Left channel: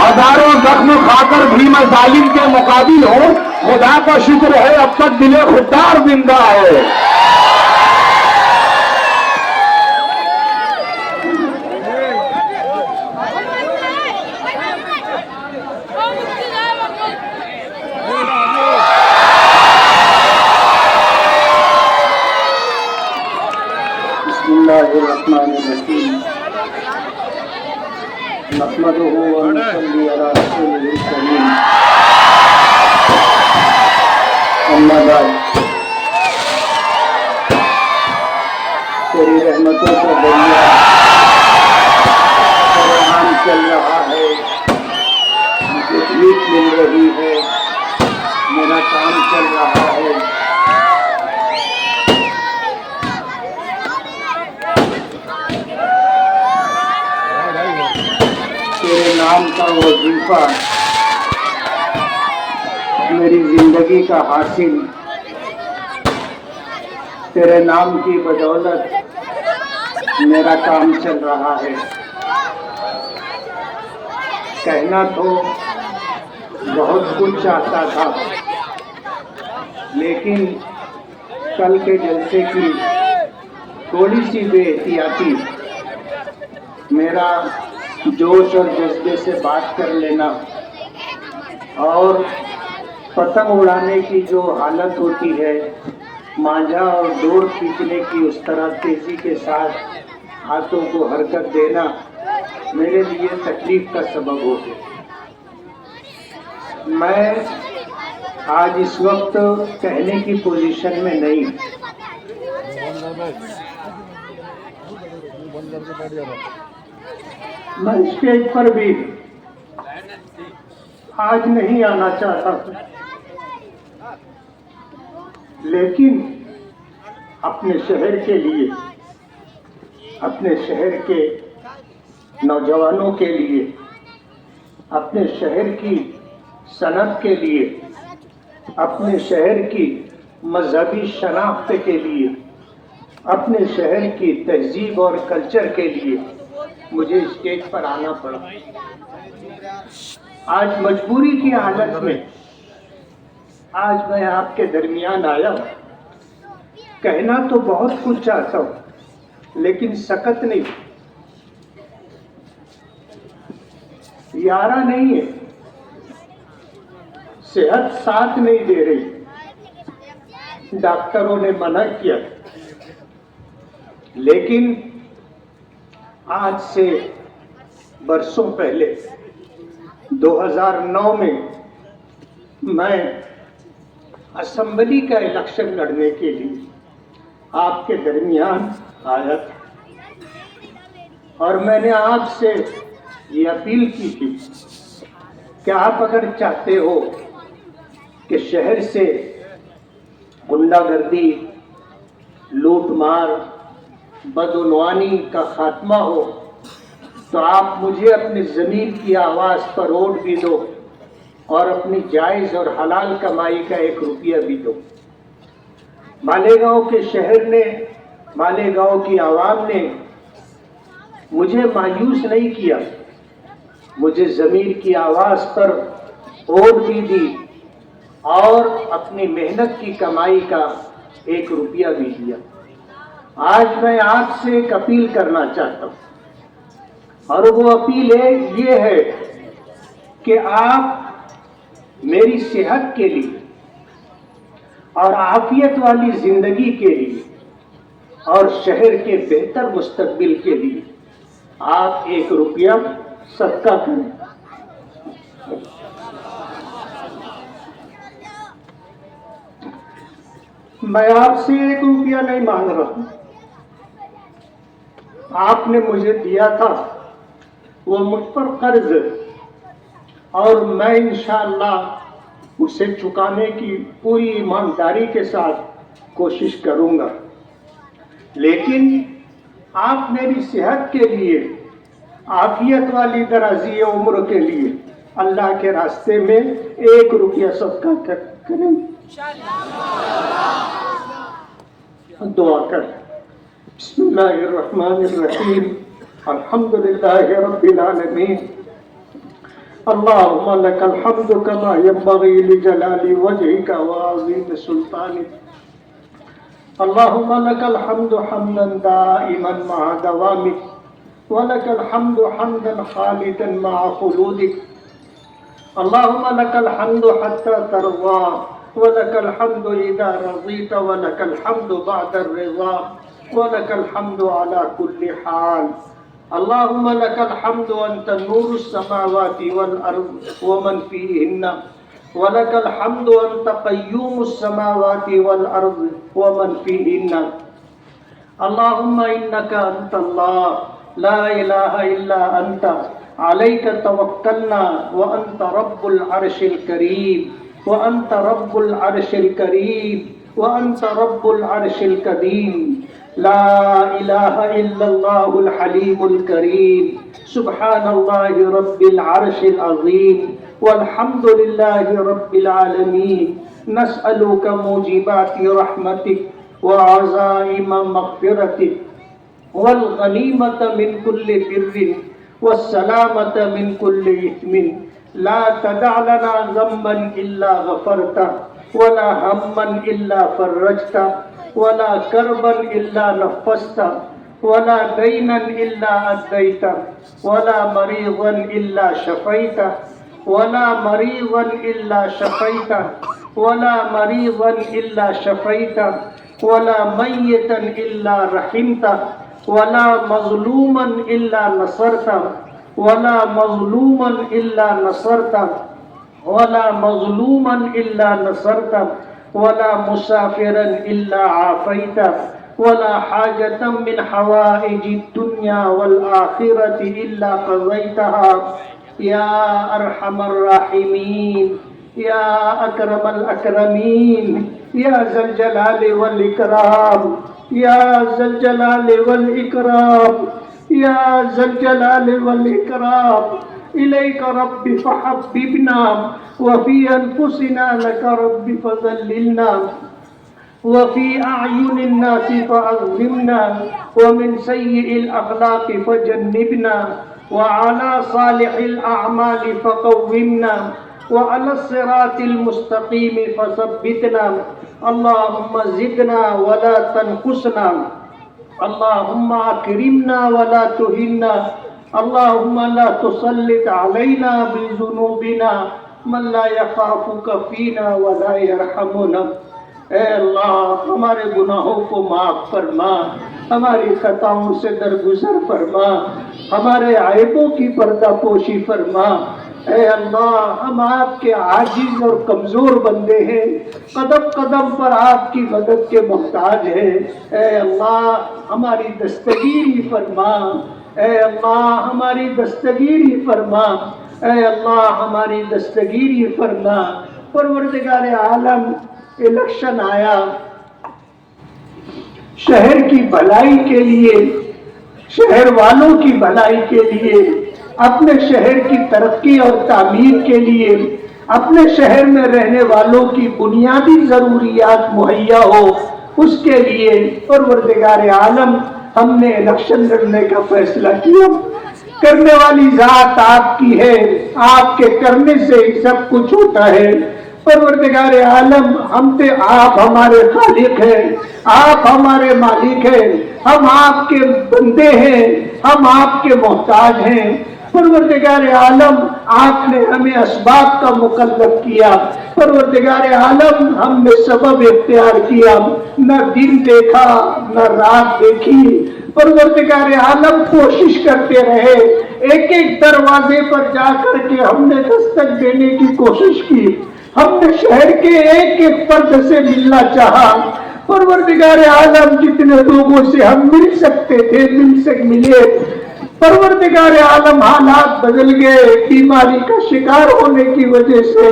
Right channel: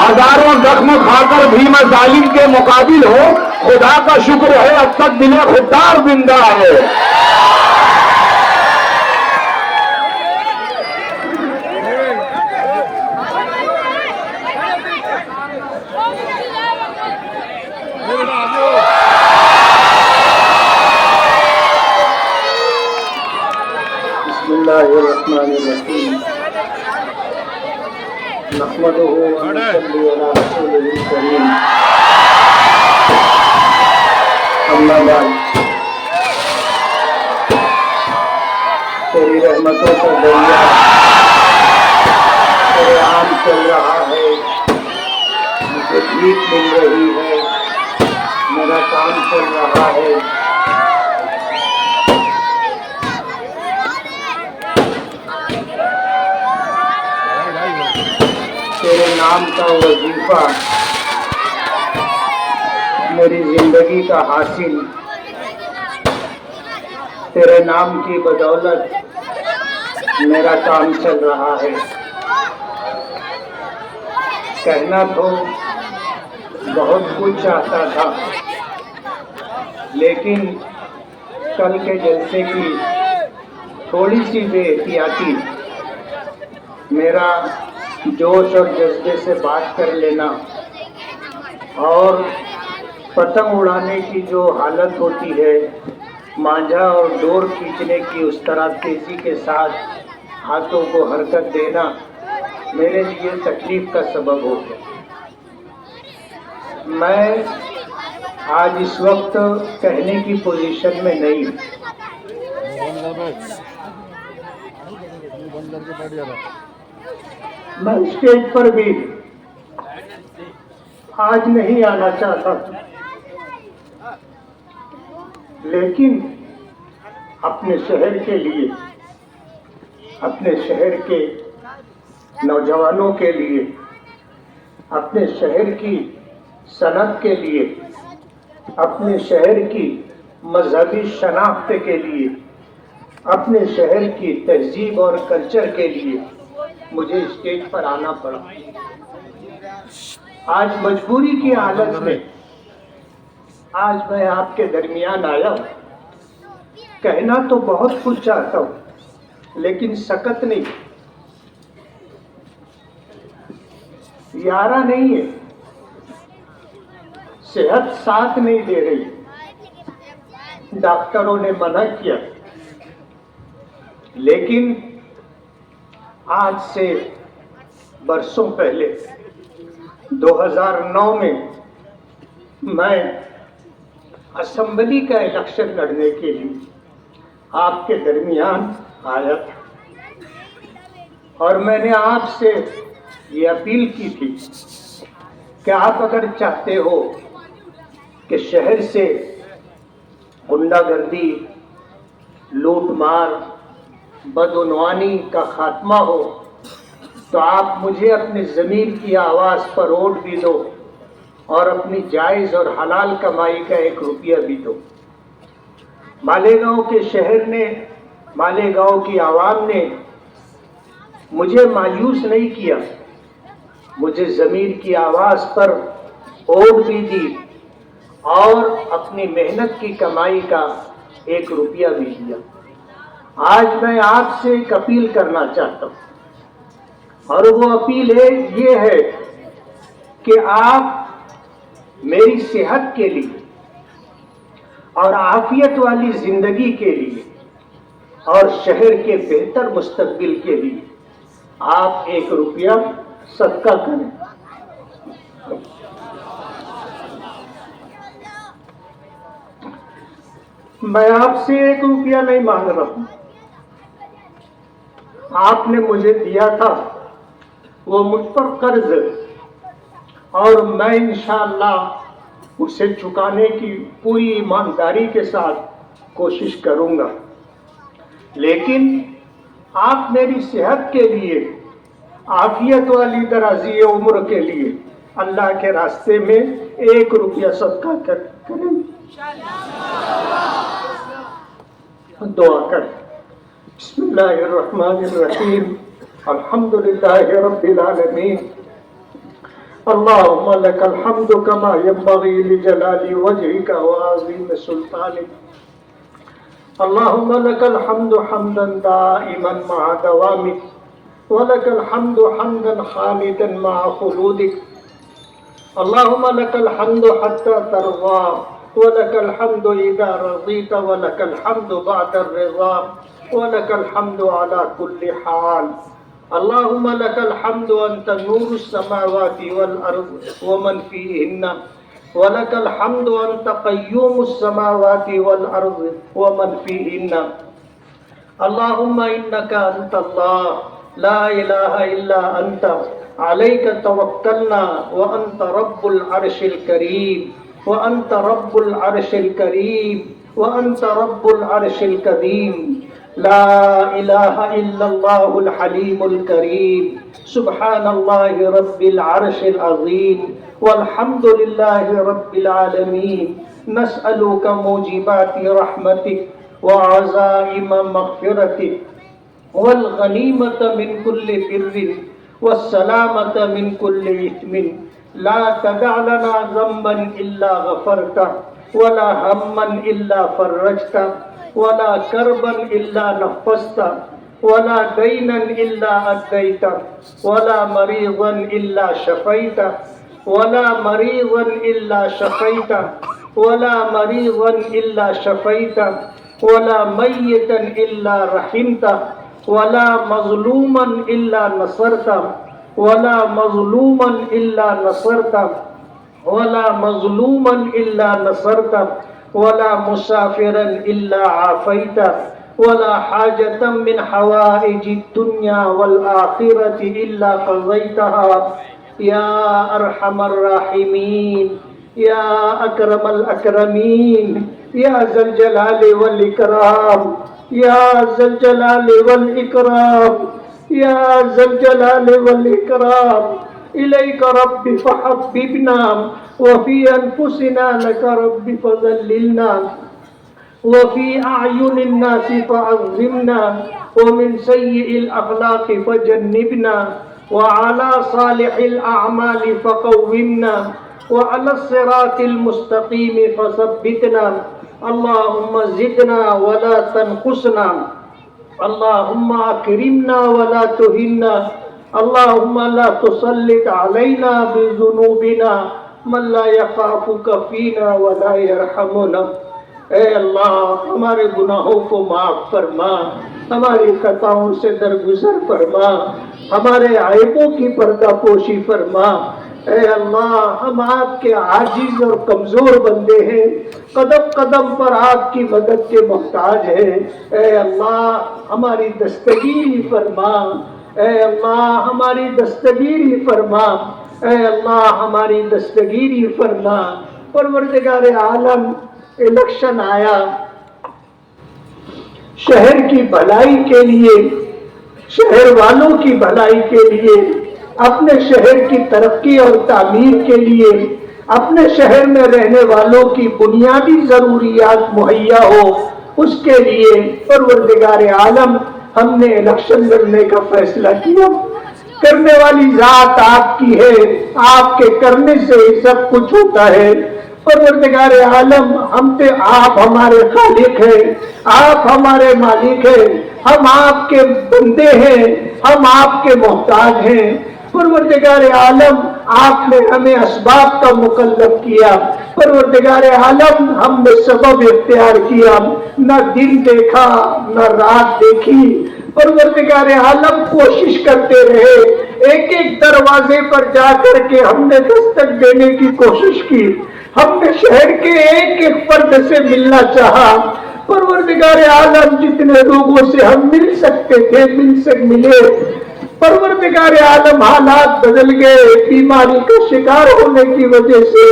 ہزاروں زخم کھا کر بھی میں ظالم کے مقابل ہوں. خدا کا شکر ہے اب تک دل خوددار زندہ ہے. بسم اللہ الرحمن الرحیم. نحمدہ و نصلی علی رسولہ الکریم. اما بعد. تیری رحمتوں کا دریا تیرے عام چل رہا ہے. مجھے بھیک مل رہی ہے. میرا کام چل رہا ہے. تیرے نام کا وظیفہ میری زندگی کا حاصل. تیرے نام کی بدولت میرا کام چل رہا ہے. کہنا تو بہت کچھ چاہتا تھا لیکن کل کے جلسے کی تھوڑی سی بے احتیاطی میرا جوش اور جذبے سے بات کر لینا اور پتنگ اڑانے کی جو حالت ہوتی ہے مانجھا اور ڈور کھینچنے کی اس طرح تیزی کے ساتھ ہاتھوں کو حرکت دینا میرے لیے تکلیف کا سبب ہو گیا. میں آج اس وقت کہنے کی پوزیشن میں نہیں ہوں. میں اسٹیج پر بھی آج نہیں آنا چاہتا لیکن اپنے شہر کے لیے اپنے شہر کے نوجوانوں کے لیے اپنے شہر کی صنعت کے لیے اپنے شہر کی مذہبی شناخت کے لیے اپنے شہر کی تہذیب اور کلچر کے لیے مجھے اسٹیج پر آنا پڑا. آج مجبوری کی حالت میں آج میں آپ کے درمیان آیا ہوں. کہنا تو بہت کچھ چاہتا ہوں لیکن سکت نہیں. یارہ نہیں ہے. صحت ساتھ نہیں دے رہی. ڈاکٹروں نے منع کیا لیکن آج سے برسوں پہلے 2009 میں اسمبلی کا الیکشن لڑنے کے لیے آپ کے درمیان آیا تھا اور میں نے آپ سے یہ اپیل کی تھی کہ آپ اگر چاہتے ہو کہ شہر سے غنڈہ گردی لوٹ مار بدعنوانی کا خاتمہ ہو تو آپ مجھے اپنی ضمیر کی آواز پر ووٹ بھی دو اور اپنی جائز اور حلال کمائی کا 1 روپیہ بھی دو. مالیگاؤں کے شہر نے مالیگاؤں کی عوام نے مجھے مایوس نہیں کیا. مجھے ضمیر کی آواز پر ووٹ بھی دی اور اپنی محنت کی کمائی کا 1 روپیہ بھی دیا. آج میں آپ سے ایک اپیل کرنا چاہتا ہوں اور وہ اپیل یہ ہے کہ آپ میری صحت کے لیے اور عافیت والی زندگی کے لیے اور شہر کے بہتر مستقبل کے لیے آپ 1 روپیہ صدقہ کریں. میں آپ سے 1 روپیہ نہیں مانگ رہا ہوں. آپ نے مجھے دیا تھا وہ مجھ پر قرض اور میں انشاءاللہ اسے چکانے کی پوری ایمانداری کے ساتھ کوشش کروں گا. لیکن آپ میری صحت کے لیے عافیت والی درازی عمر کے لیے اللہ کے راستے میں 1 روپیہ صدقہ کریں. دعا کریں. بسم اللہ الرحمن الرحیم. الحمدللہ رب العالمین اللهم لك الحمد كما ينبغي لجلال وجهك وعظيم سلطانك. اللهم لك الحمد حمدا دائما مع دوامك، ولك الحمد حمدا خالدا مع خلودك. اللهم لك الحمد حتى ترضى، ولك الحمد إذا رضيت، ولك الحمد بعد الرضا، ولك الحمد على كل حال. اللهم لك الحمد أنت نور السماوات والأرض ومن فيهن، ولك الحمد أنت قيوم السماوات والأرض ومن فيهن. اللهم إنك أنت الله لا إله إلا أنت، عليك توكلنا وأنت رب العرش الكريم، وأنت رب العرش الكريم، وأنت رب العرش الكريم. لا إله إلا الله الحليم الكريم، سبحان الله رب العرش العظيم، والحمد لله رب العالمين. نسألك موجبات رحمتك وعزائم مغفرتك، والغنيمة من كل بر، والسلامة من كل إثم. لا تدع لنا ذنبا إلا غفرته، ولا هما إلا فرجته، ولا كربا إلا نفسته، ولا دينا إلا أديته، ولا مريضا إلا شفيته، ولا مريضا إلا شفيته، ولا مريضا إلا شفيته، ولا ميتا إلا رحمته، ولا مظلوما إلا نصرته، ولا مظلوما إلا نصرته، ولا مظلوما إلا نصرته، ولا مسافرا إلا عافيته، ولا حاجة من حوائج الدنيا والآخرة إلا قضيتها يا أرحم الراحمين، يا أكرم الأكرمين، يا ذا الجلال والإكرام، يا ذا الجلال والإكرام، يا ذا الجلال والإكرام. إليك رب فحببنا، وفي أنفسنا لك رب فذللنا، وفي أعين الناس فعظمنا، ومن سيء الأخلاق فجنبنا، وعلى صالح الأعمال فقومنا، وعلى الصراط المستقيم فثبتنا. اللهم زدنا ولا تنقصنا، اللهم أكرمنا ولا تهنا، اللهم لا تسلط علينا بذنوبنا من لا يخافك فينا ولا يرحمنا. اے اللہ ہمارے گناہوں کو معاف فرما، ہماری خطاؤں سے درگزر فرما، ہمارے عیبوں کی پردہ پوشی فرما. اے اللہ ہم آپ کے عاجز اور کمزور بندے ہیں، قدم قدم پر آپ کی مدد کے محتاج ہیں. اے اللہ ہماری دستگیری فرما، اے اللہ ہماری دستگیری فرما، اے اللہ ہماری دستگیری فرما. پروردگار عالم الیکشن آیا، شہر کی بھلائی کے لیے، شہر والوں کی بھلائی کے لیے، اپنے شہر کی ترقی اور تعمیر کے لیے، اپنے شہر میں رہنے والوں کی بنیادی ضروریات مہیا ہو، اس کے لیے پروردگار عالم ہم نے الیکشن لڑنے کا فیصلہ کیا. کرنے والی ذات آپ کی ہے، آپ کے کرنے سے ہی سب کچھ ہوتا ہے. پروردگار عالم ہم پہ آپ ہمارے خالق ہیں، آپ ہمارے مالک ہیں، ہم آپ کے بندے ہیں، ہم آپ کے محتاج ہیں. پروردگار عالم آپ نے ہمیں اسباب کا مکلف کیا. پروردگار عالم ہم نے سبب اختیار کیا، نہ دن دیکھا نہ رات دیکھی. پروردگار عالم کوشش کرتے رہے، ایک ایک دروازے پر جا کر کے ہم نے دستک دینے کی کوشش کی، ہم نے شہر کے ایک ایک فرد سے ملنا چاہا. پروردگار عالم جتنے لوگوں سے ہم مل سکتے تھے ملے. پروردگار عالم حالات بدل گئے، بیماری کا شکار ہونے کی وجہ سے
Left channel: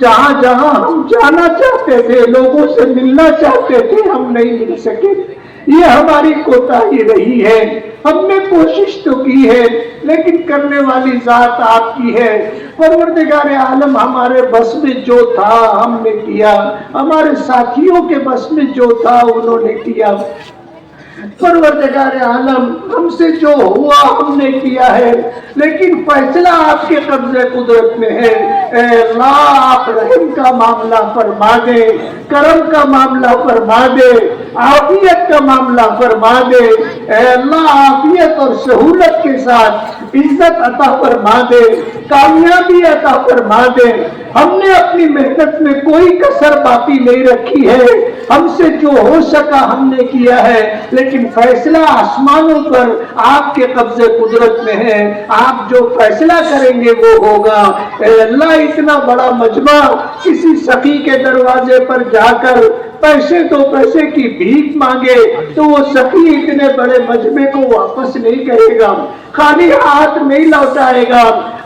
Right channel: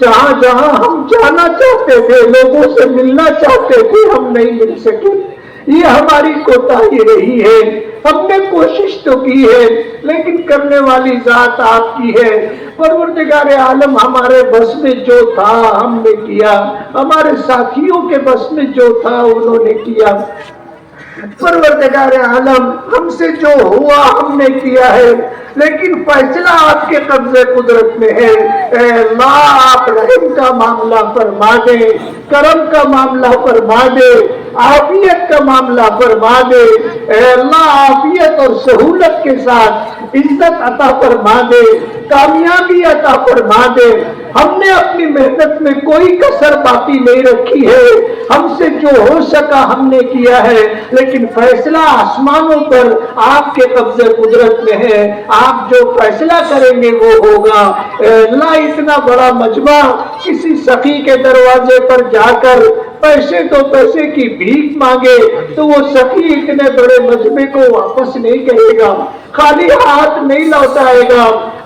جہاں جہاں ہم جانا چاہتے تھے، لوگوں سے ملنا چاہتے تھے، ہم نہیں مل سکے. یہ ہماری کوتاہی رہی ہے. ہم نے کوشش تو کی ہے لیکن کرنے والی ذات آپ کی ہے. پروردگار عالم ہمارے بس میں جو تھا ہم نے کیا، ہمارے ساتھیوں کے بس میں جو تھا انہوں نے کیا. پروردگار عالم ہم سے جو ہوا ہم نے کیا ہے، لیکن فیصلہ آپ کے قبضے قدرت میں ہے۔ اے اللہ آپ رحم کا معاملہ فرما دے، کرم کا معاملہ فرما دے، عافیت کا معاملہ فرما دے۔ اے اللہ عافیت اور سہولت کے ساتھ عزت عطا فرما دے، کامیابی عطا فرما دے۔ ہم نے اپنی محنت میں کوئی کسر باقی نہیں رکھی ہے، ہم سے جو ہو سکا ہم نے کیا ہے، لیکن فیصلہ آسمانوں پر آپ کے قبضے قدرت میں ہے۔ آپ جو فیصلہ کریں گے وہ ہوگا۔ اے اللہ اتنا بڑا مجمع کسی سخی کے دروازے پر جا کر پیسے تو پیسے کی بھیک مانگے تو وہ سخی اتنے بڑے مجمع کو واپس نہیں کرے گا، خالی ہاتھ نہیں لوٹائے گا۔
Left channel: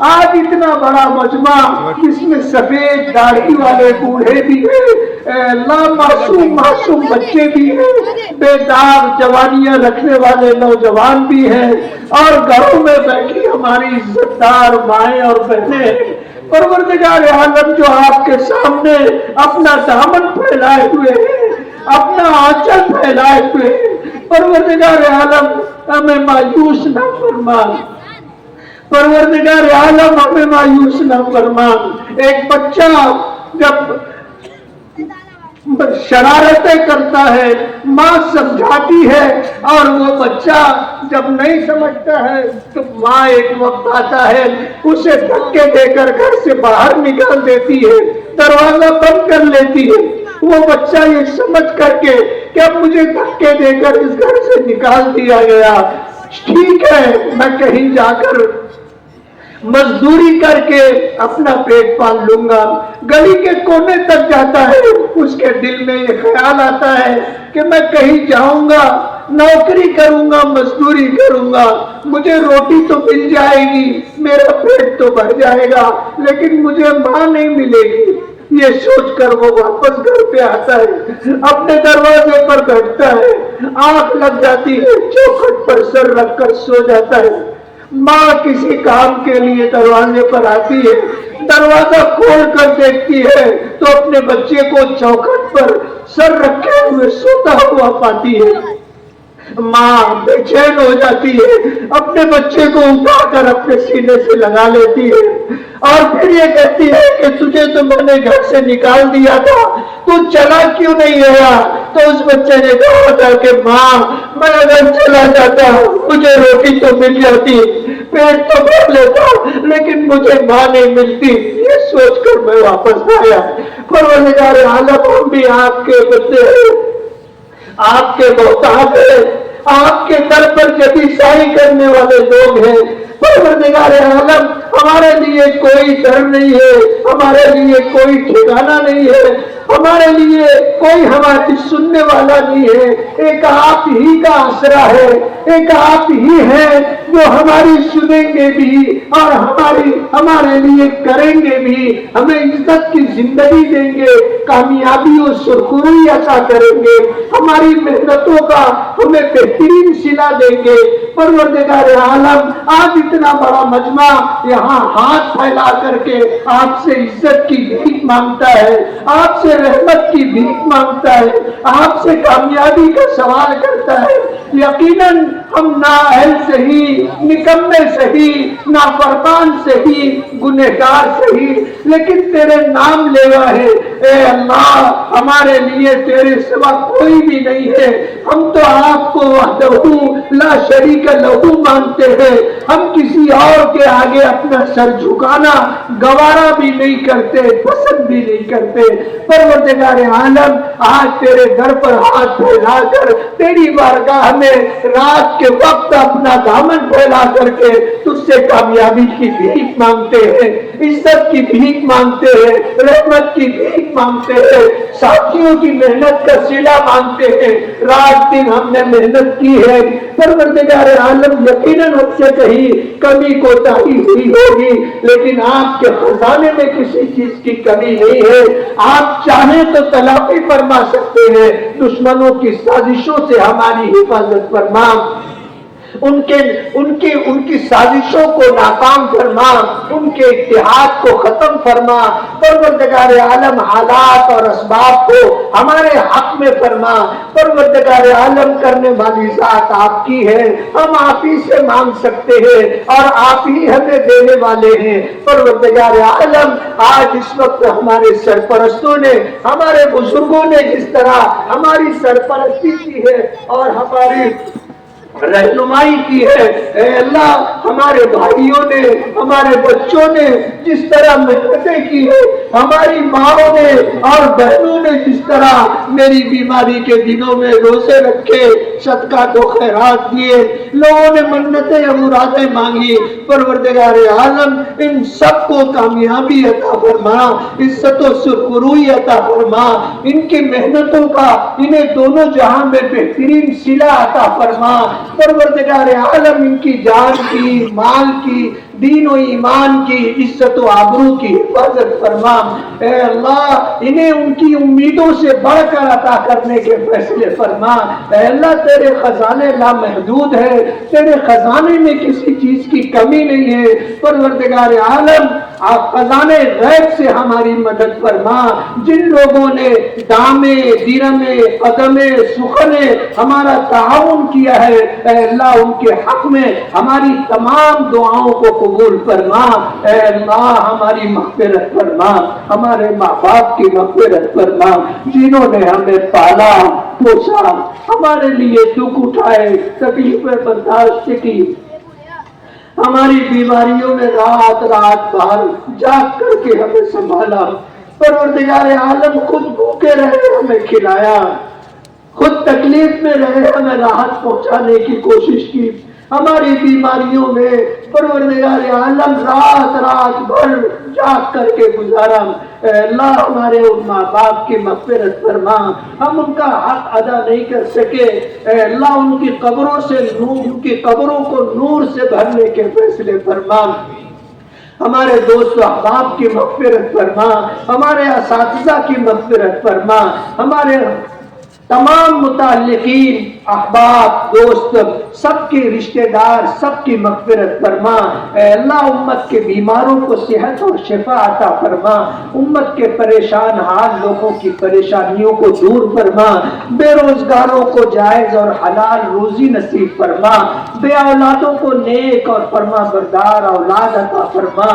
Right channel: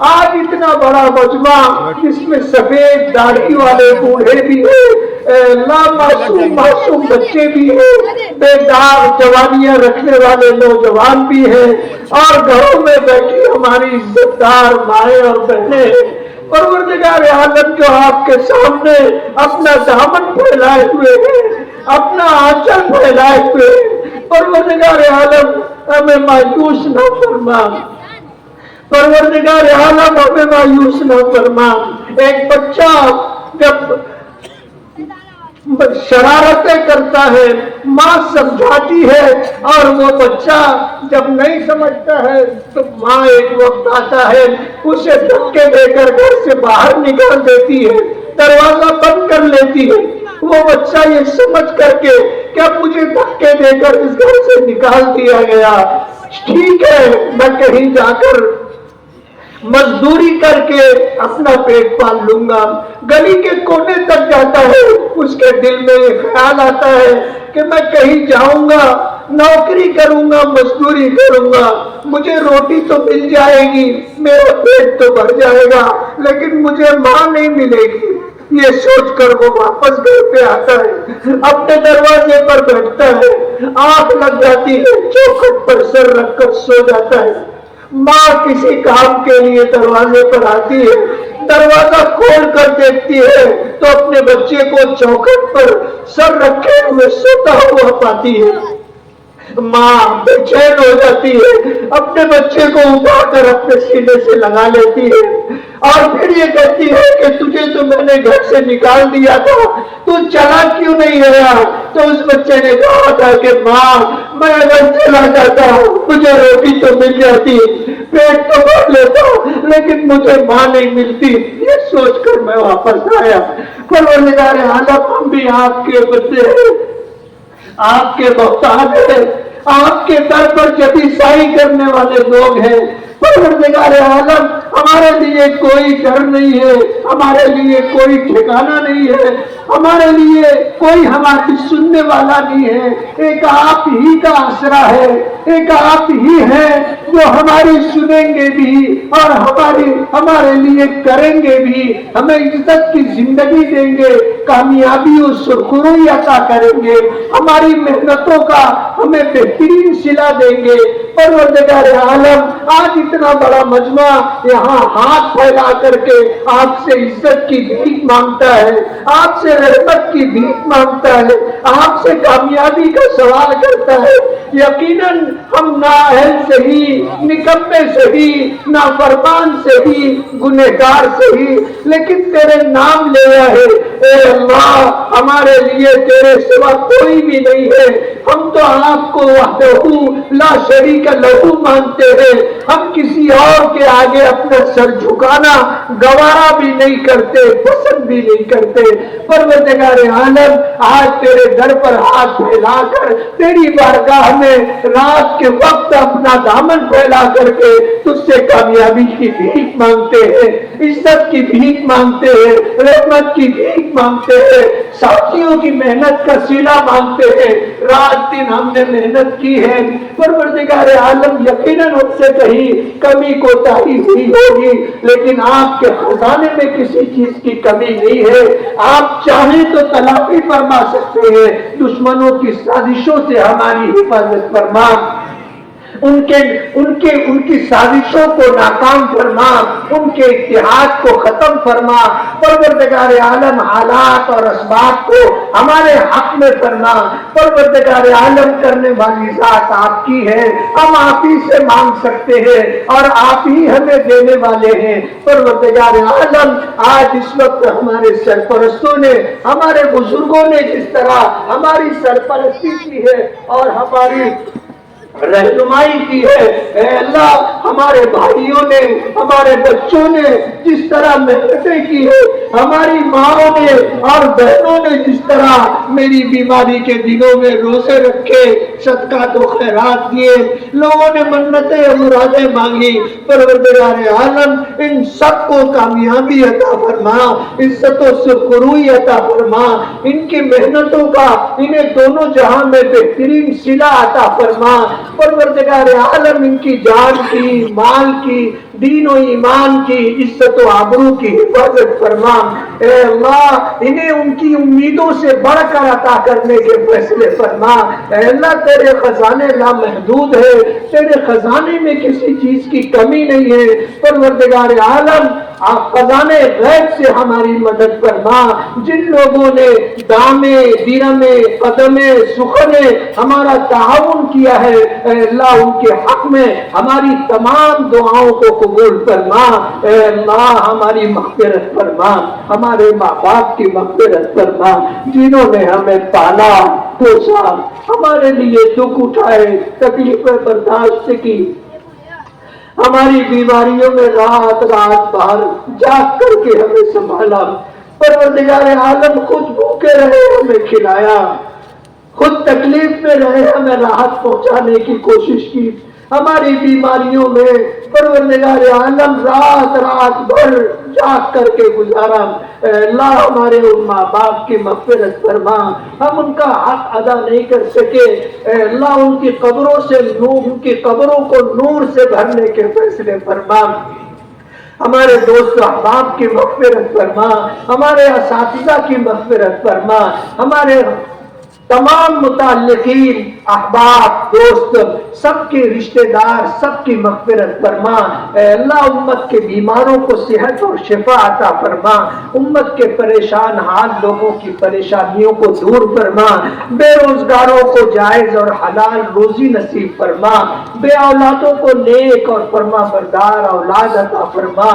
آج اتنا بڑا مجمع جس میں سفید داڑھی والے بوڑھے بھی ہیں، اللہ معصوم معصوم بچے بھی ہیں، بے داغ جوانیاں رکھنے والے نوجوان بھی ہیں، اور گھروں میں بیٹھی ہماری عزت دار مائیں اور بہنیں ہیں۔ پروردگار عالم جو آپ کے سامنے اپنا دامن پھیلائے ہوئے ہیں، اپنا آنچل پھیلائے ہوئے ہیں، پروردگار عالم ہمیں مایوس نہ فرما، پروردگار عالم ہمیں مایوس نہ فرما۔ ایک بچہ جب شرارتیں کرتا ہے ماں سمجھاتی ہے، اور وہ بچہ جب نہیں سمجھتا ہے تو ماں ایک وقت آتا ہے اسے دھکے دے کر گھر سے باہر نکال دیتی ہے، دروازہ بند کر لیتی ہے۔ وہ بچہ یہ سمجھ کر کے کہ اب مجھے دھکے دے کر اس گھر سے نکال دیا گیا، ٹھیک ہے میں کہیں جا کر مزدوری کر کے اپنا پیٹ پال لوں گا۔ گلی کے کونے تک جاتا ہے، اس کے دل میں یہ خیال آتا ہے کہ میں کہیں جاؤں گا، نوکری کروں گا، مزدوری کروں گا، مجھے روٹی تو مل جائے گی، میرا پیٹ تو بھر جائے گا، لیکن مجھے ماں نہیں ملے گی۔ یہ سوچ کر وہ واپس گھر پہ آتا ہے، اپنے دروازے پر بیٹھتا ہے، آنکھ لگ جاتی ہے، چوکھٹ پر سر رکھ کر سو جاتا ہے۔ ماں کسی کام کے لیے دروازے پر آتی ہے، دروازہ کھول کر دیکھتی ہے تو اپنے بچے کو چوکھٹ پر سر رکھے ہوئے سوتا ہوا پاتی ہے۔ ماں بے چین ہو جاتی ہے، اپنے بچے کو اٹھا کر اپنے سینے سے لگا لیتی ہے، اور پھر یہ کہتی ہے کہ تجھے تو میں نے گھر سے نکال دیا تھا، تو چلا کیوں نہیں گیا؟ تو اس بچے نے کہا تھا کہ ماں میں اگر چلا جاتا ہوں مجھے روٹی تو مل جاتی، پیٹ تو بھر لیتا، لیکن مجھے ماں نہیں ملتی۔ یہ سوچ کر میں واپس آیا۔ پروردگار عالم ہم بھی آپ کے بندے ہیں، آپ کے محتاج ہیں، آپ کے در پر جبی سائی کرنے والے لوگ ہیں۔ پروردگار عالم ہمارے لیے کوئی ڈر نہیں ہے، ہمارے لیے کوئی ٹھکانہ نہیں ہے، ہمارے لیے کوئی ہماری سننے والا نہیں ہے، ایک آپ ہی کا آسرا ہے، ایک آپ ہی ہے جو ہماری سنیں گے بھی اور ہمارے لیے کریں گے بھی، ہمیں عزت کی زندگی دیں گے، کامیابی و سرخروئی عطا کریں گے، ہماری محنتوں کا ہمیں بہترین صلہ دیں گے۔ پروردگار عالم آج اتنا بڑا مجمع یہاں ہاتھ پھیلا کر کے آپ سے عزت کی بھیک مانگتا ہے، آپ سے رحمت کی بھیک مانگتا ہے، آپ سے کامیابی کا سوال کرتا ہے۔ یقیناً ہم نااہل سے ہی، نکمے سے ہی، نافرمان سے ہی، گنہگار سے ہی، لیکن تیرے نام لے رہے اے اللہ ہمارے لیے تیرے سوا کوئی بھی نہیں ہے۔ ہم تو آپ کو وحدہ لا شریک لہو مانتے ہیں، ہم کسی اور کے آگے اپنا سر جھکانا گوارا بھی نہیں کرتے، پسند بھی نہیں کرتے۔ پروردگار عالم آج تیرے در پر ہاتھ پھیلا کر تیری بارگاہ میں رات کے وقت اپنا دامن پھیلا کر کے تجھ سے کامیابی کی بھیک مانگتے ہیں، عزت کی بھیک مانگتے ہیں، رحمت کی بھیک مانگتے ہیں، ساتھیوں کی محنت کا صلہ مانگتے ہیں۔ رات دن ہم نے محنت کی ہے، پروردگار عالم یقیناً ہم سے کہیں کمی کوتاہی ہوئی ہوگی، لیکن آپ کے خزانے میں کسی چیز کی کمی نہیں ہے۔ آپ چاہیں تو تلافی فرما سکتے ہیں، دشمنوں کی سازشوں سے ہماری حفاظت فرما۔ ان کی سازشوں کو ناکام فرما، ان کے اتحاد کو ختم فرما۔ پروردگار عالم حالات اور اسباب کو ہمارے حق میں فرما۔ پروردگار عالم کرنے والی ذات آپ کی ہے، ہم آپ ہی سے مانگ سکتے ہیں اور آپ ہی ہمیں دینے والے ہیں۔ پروردگار عالم آج اس وقت ہمارے سرپرستوں نے، ہمارے بزرگوں نے جس طرح ہماری سرپرستی کی ہے اور ہماری رہنمائی کی ہے، اے اللہ ہمارے بھائیوں نے، ہمارے بچوں نے جس طرح محنتیں کی ہے، ہماری ماں نے اور بہنوں نے جس طرح میری بیماری کے دنوں میں روزے رکھے، صدقہ تو خیرات دیے، لوگوں نے منتیں اور مرادیں مانگی، پروردگار عالم ان سب کو کامیابی عطا فرما، عزت و سرخروئی عطا فرما، ان کی محنتوں کا انہیں دونوں جہاں میں بہترین صلہ عطا فرما۔ پروردگار عالم ان کی جان کی، مال کی، دین و ایمان کی، عزت و آبرو کی حفاظت فرما۔ اے اللہ انہیں ان کی امیدوں سے بڑھ کر عطا کرنے کے فیصلے فرما۔ اے اللہ تیرے خزانے لامحدود ہے، تیرے خزانے میں کسی چیز کی کمی نہیں ہے۔ پروردگار عالم آپ خزانے غیب سے ہماری مدد فرما۔ جن لوگوں نے دامے، دیرمے، قدمے، سخنے ہمارا تعاون کیا ہے، اے اللہ ان کے حق میں ہماری تمام دعاؤں کو قبول فرما۔ اے اللہ ہماری مغفرت فرما، ہمارے ماں باپ کی مغفرت فرما، جنہوں نے ہمیں پالا پوسا، ہمارے لیے دکھ اٹھائے، تکلیفیں برداشت کی، ہماری بیماریوں میں رات رات باہر جاگ کر کے ہمیں سنبھالا۔ پروردگار عالم خود بھوکے رہے ہمیں کھلایا، خود تکلیف میں رہے ہمیں راحت پہنچانے کی کوشش کی۔ ہماری بیماریوں میں پروردگار عالم رات رات بھر جاگ کر کے گزارا۔ اے اللہ ہمارے ان ماں باپ کی مغفرت فرما، ہم ان کا حق ادا نہیں کر سکے، اے اللہ ان کی قبروں سے ان کی قبروں کو نور سے بھرنے کے فیصلے فرما۔ ہمارے دوست و احباب کی مغفرت فرما، ہمارے اساتذہ کی مغفرت فرما، ہمارے تمام متعلقین، احباب، دوست، سب کے رشتہ دار، سب کی مغفرت فرما۔ اے اللہ امت کے بیماروں کو صحت اور شفا عطا فرما، امت کے پریشان حال لوگوں کی پریشانیوں کو دور فرما، بے روزگاروں کو جائز اور حلال روزی نصیب فرما، بے اولادوں کو نیک اور فرما بردار اولاد عطا فرما،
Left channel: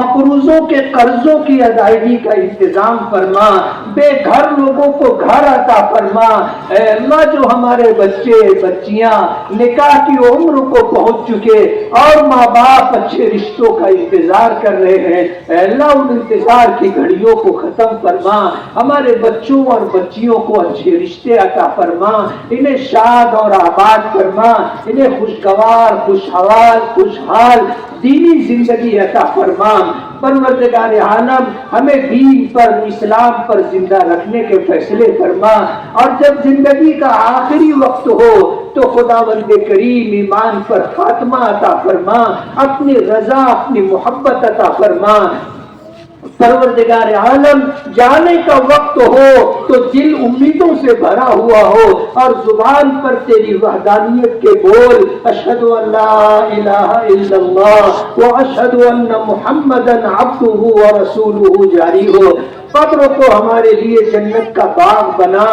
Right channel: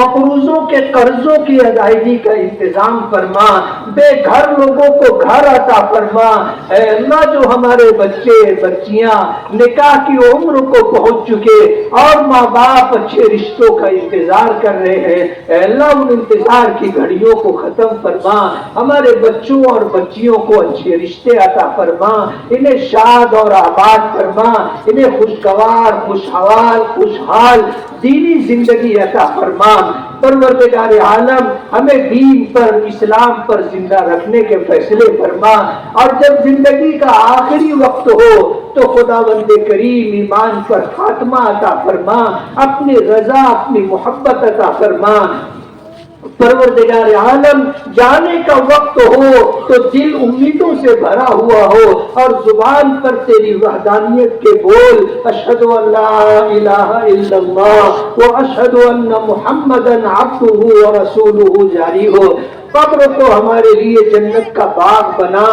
مقروضوں کے قرضوں کی ادائیگی کا انتظام فرما، بے گھر لوگوں کو گھر عطا فرما۔ اے اللہ جو ہمارے بچے بچیاں نکاح کی عمر کو پہنچ چکے اور ماں باپ اچھے رشتوں کا انتظار کر رہے ہیں، اے اللہ ان انتظار کی گھڑیوں کو ختم فرما، ہمارے بچوں اور بچیوں کو اچھے رشتے عطا فرما، انہیں شاد اور آباد فرما، انہیں خوشگوار، خوشحال، خوشحال دینی زندگی عطا فرما۔ پروردگار عالم ہمیں دین پر، اسلام پر زندہ رکھنے کے فیصلے فرما، اور جب زندگی کا آخری وقت ہو تو خداوند کریم ایمان پر خاتمہ عطا فرما، اپنی رضا، اپنی محبت عطا فرما۔ پروردگار عالم جانے کا وقت ہو تو دل امیدوں سے بھرا ہوا ہو اور زبان پر تیری وحدانیت کے بول اشہد ان لا الہ الا اللہ و اشہد ان محمدا عبدہ و رسولہ جاری ہو۔ قبر کو ہمارے لیے جنت کا باغ بنا،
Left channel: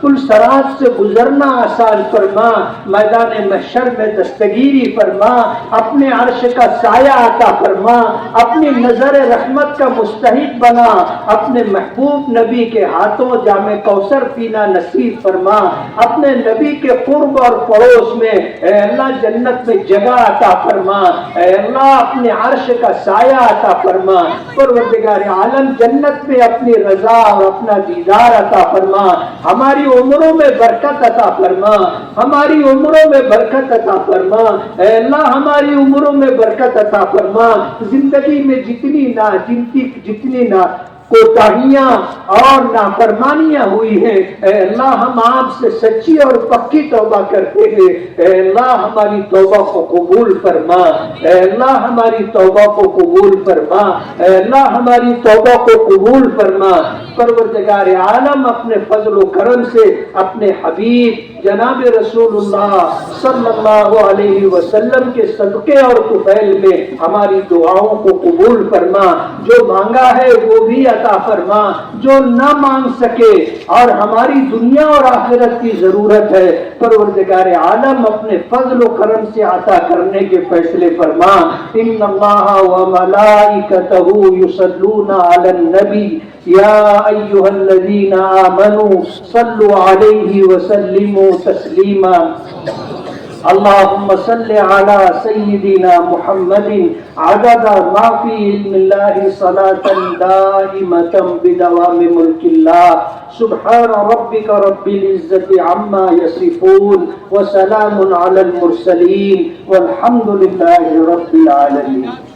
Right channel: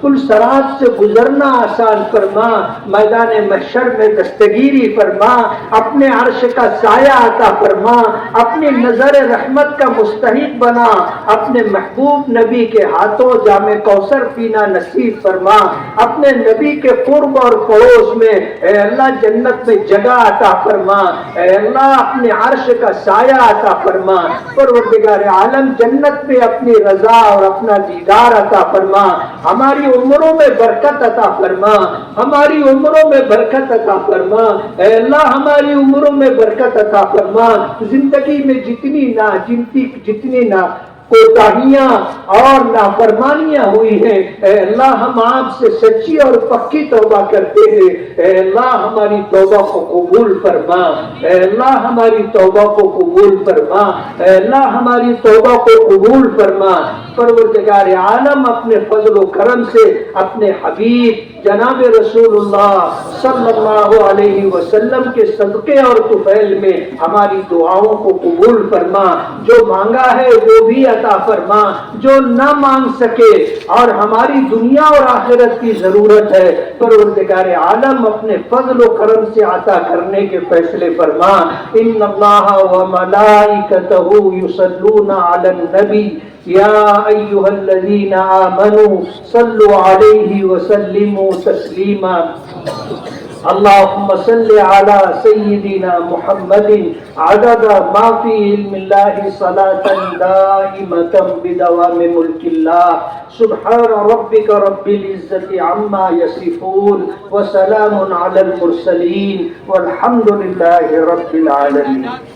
پل صراط سے گزرنا آسان فرما، میدان محشر میں دستگیری فرما، اپنے عرش کا سایہ عطا فرما، اپنی نظر رحمت کا مستحق بنا، اپنے محبوب نبی کے ہاتھوں جام کوثر پینا نصیب فرما، اپنے نبی کے قرب اور پڑوس میں اے اللہ جنت میں جگہ عطا فرما، اے اللہ اپنے عرش کا سایہ عطا فرما۔ پروردگار عالم جنت میں اپنی رضا اور اپنا دیدار عطا فرما، ہماری عمروں میں برکت عطا فرما، ہماری عمروں میں برکت عطا فرما، اے اللہ ہماری عمروں میں برکت عطا فرما۔ زندگی میں جتنی کوتاہیاں اور نافرمانیاں ہوئی ہیں، اے اللہ ہم آپ سے سچی اور پکی توبہ کرتے ہیں، اے اللہ ہماری توبہ کو قبول فرما، اے اللہ ہماری توبہ کو قبول فرما، اے اللہ ہماری توبہ کو قبول فرما۔ پروردگار عالم اپنے فضل و کرم سے اپنے حبیب جناب رسول اللہ صلی اللہ علیہ وسلم کے صدقے اور طفیل میں ہماری دعاؤں کو قبول فرما، جو مانگا ہے وہ بھی عطا فرما، جو نہ مانگ سکے اور ہماری دنیا اور آخرت کی ضرورت ہے پروردگار عالم اپنے فضل و کرم سے عطا کرنے کے فیصلے فرما۔ ان اللہ و ملائکتہ یصلون علی النبی یا ایھا الذین آمنوا صلوا علیہ وسلموا تسلیما۔ اللهم صل على سيدنا محمد عدد ما في علم الله صلاة دائمة بدوام ملك الله سبحان ربك رب العزة عما يصفون وسلام على المرسلين والحمد لله رب العالمين۔